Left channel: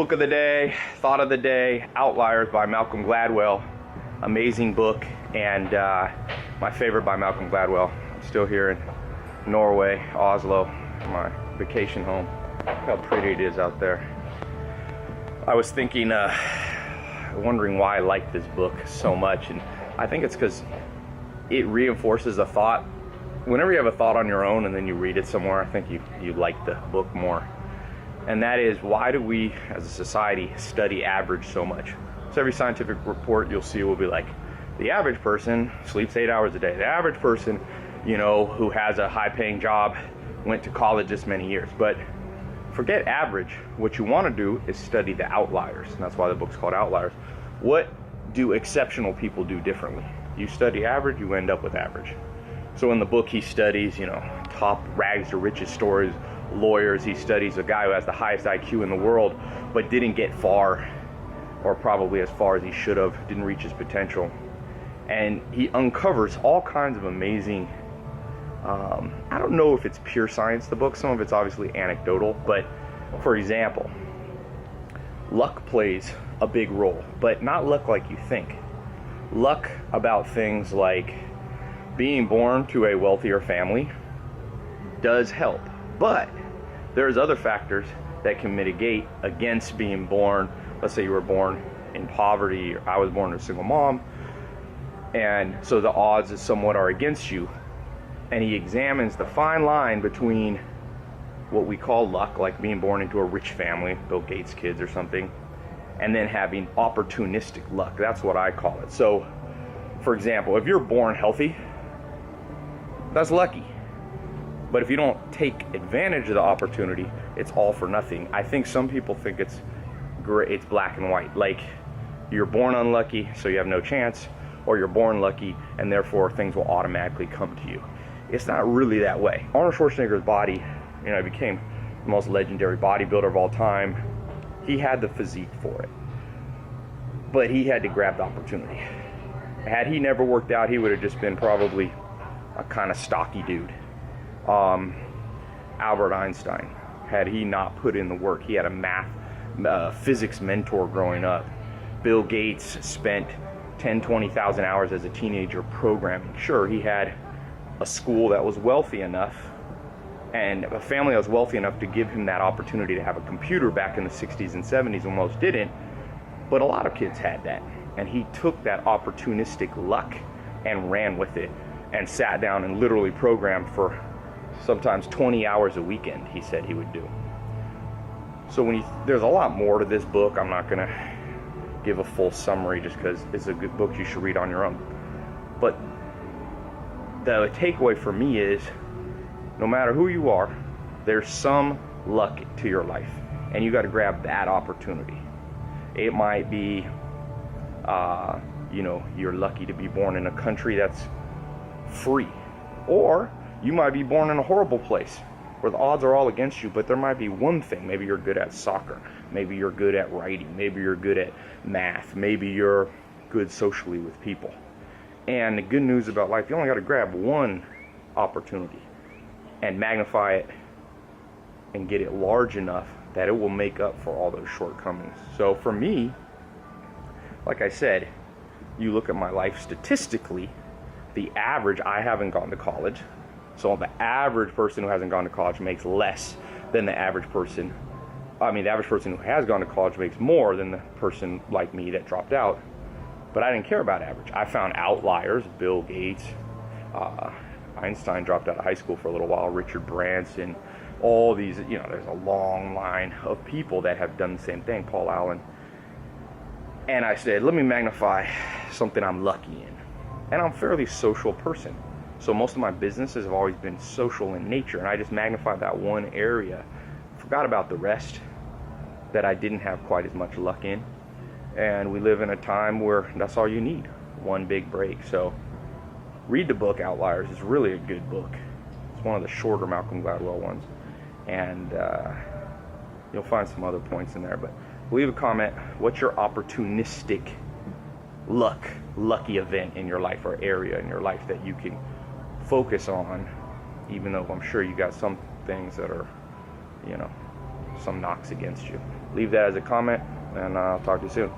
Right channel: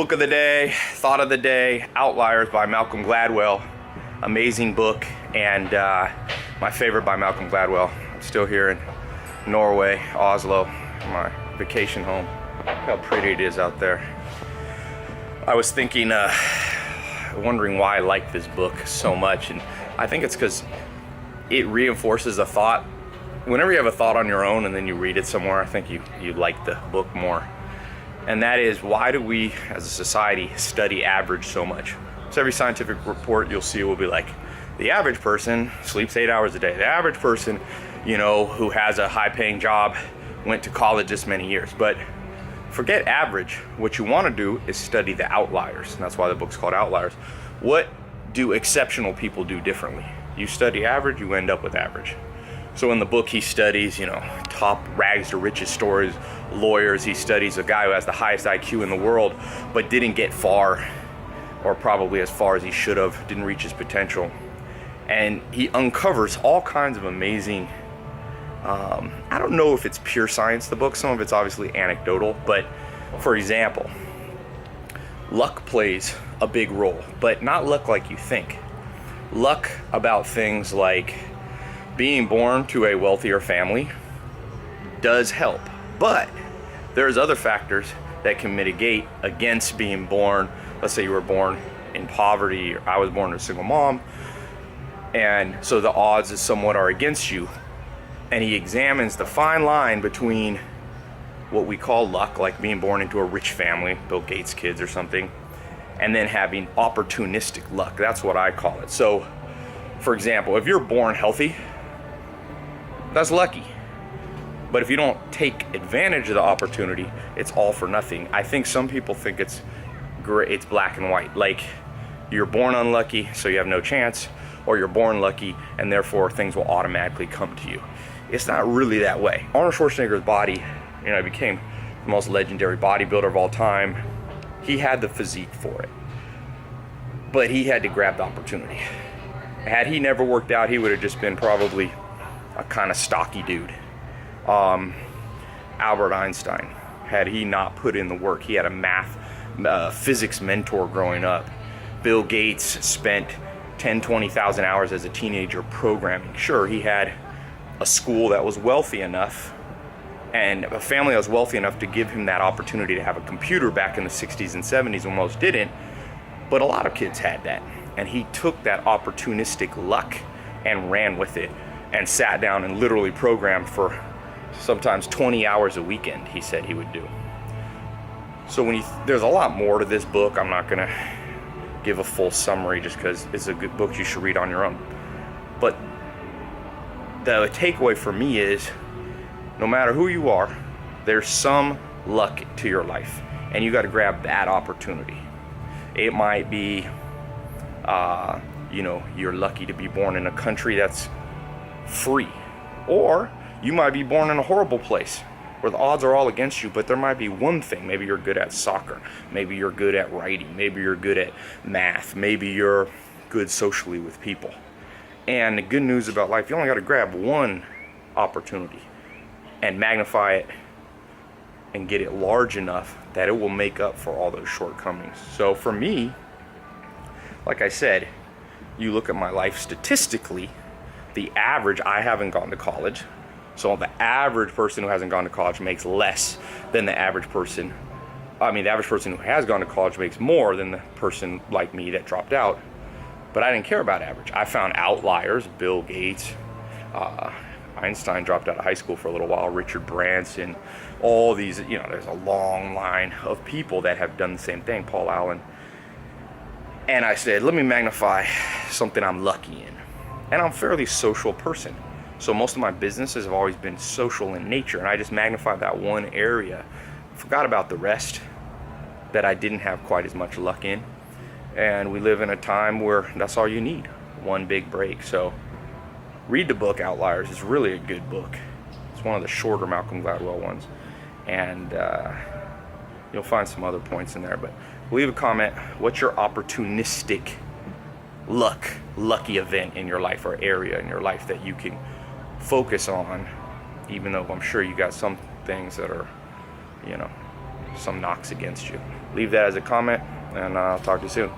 Book of the day, thought of the day, Outliers by Malcolm Gladwell. Amazing book, and my favorite by Malcolm Gladwell. I'm still here in Norway, Oslo, my vacation home. Look how pretty it is out there. I was thinking, wondering why I like this book so much, and I think it's because it reinforces a thought. Whenever you have a thought on your own and then you read it somewhere, I think you like the book more. And that is, why do we as a society study average so much? So every scientific report you'll see will be like, the average person sleeps 8 hours a day. The average person, who has a high-paying job went to college this many years. But forget average. What you want to do is study the outliers. And that's why the book's called Outliers. What do exceptional people do differently? You study average, you end up with average. So in the book, he studies, top rags to riches stories, lawyers. He studies a guy who has the highest IQ in the world, but didn't get far, or probably as far as he should have, didn't reach his potential. And he uncovers all kinds of amazing, I don't know if it's pure science, the book. Some of it's obviously anecdotal, but for example, luck plays a big role, but not luck like you think. Luck about things like being born to a wealthier family does help, but there's other factors that can mitigate against being born. Let's say you were born in poverty, or I was born to a single mom, and so the odds somewhat are against you. And he examines the fine line between what we call luck, like being born into a rich family, Bill Gates' kids or something, and then having opportunistic luck. That's what I call it. So, for example, if you're born healthy, that's lucky. But if you don't take advantage of the opportunity, it's all for nothing. I think some people think it's great, it's black and white. Like, you're born unlucky, so you have no chance, or you're born lucky, and therefore things will automatically come to you. It's not really that way. Arnold Schwarzenegger's body, he became the most legendary bodybuilder of all time. He had the physique for it, but he had to grab the opportunity. Had he never worked out, he would have just been probably a kind of stocky dude. Albert Einstein, had he not put in the work, he had a physics mentor growing up. Bill Gates spent 20,000 hours as a teenager programming. Sure, he had a school that was wealthy enough and a family that was wealthy enough to give him that opportunity to have a computer back in the 60s and 70s when most didn't, but a lot of kids had that. And he took that opportunistic luck and ran with it and sat down and literally programmed for sometimes 20 hours a weekend, he said he would do. So there's a lot more to this book. I'm not gonna give a full summary just because it's a good book you should read on your own. But the takeaway for me is, no matter who you are, there's some luck to your life, and you got to grab that opportunity. It might be, you're lucky to be born in a country that's free, or you might be born in a horrible place where the odds are all against you, but there might be one thing. Maybe you're good at soccer, maybe you're good at writing, maybe you're good at math, maybe you're good socially with people. And the good news about life, you only got to grab one opportunity and magnify it and get it large enough that it will make up for all those shortcomings. So for me, like I said, you look at my life statistically, the average, I haven't gone to college. So the average person who hasn't gone to college makes less than the average person. The average person who has gone to college makes more than the person like me that dropped out. But I didn't care about average. I found outliers, Bill Gates, Einstein dropped out of high school for a little while, Richard Branson, all these, there's a long line of people that have done the same thing, Paul Allen. And I said, let me magnify something I'm lucky in. And I'm a fairly social person. So most of my businesses have always been social in nature, and I just magnified that one area. Forgot about the rest that I didn't have quite as much luck in. And we live in a time where that's all you need, one big break. So read the book Outliers. It's really a good book. It's one of the shorter Malcolm Gladwell ones. And you'll find some other points in there. But leave a comment. What's your opportunistic lucky event in your life, or area in your life that you can focus on, even though I'm sure you got some things that are, some knocks against you. leave that as a comment, and I'll talk to you soon.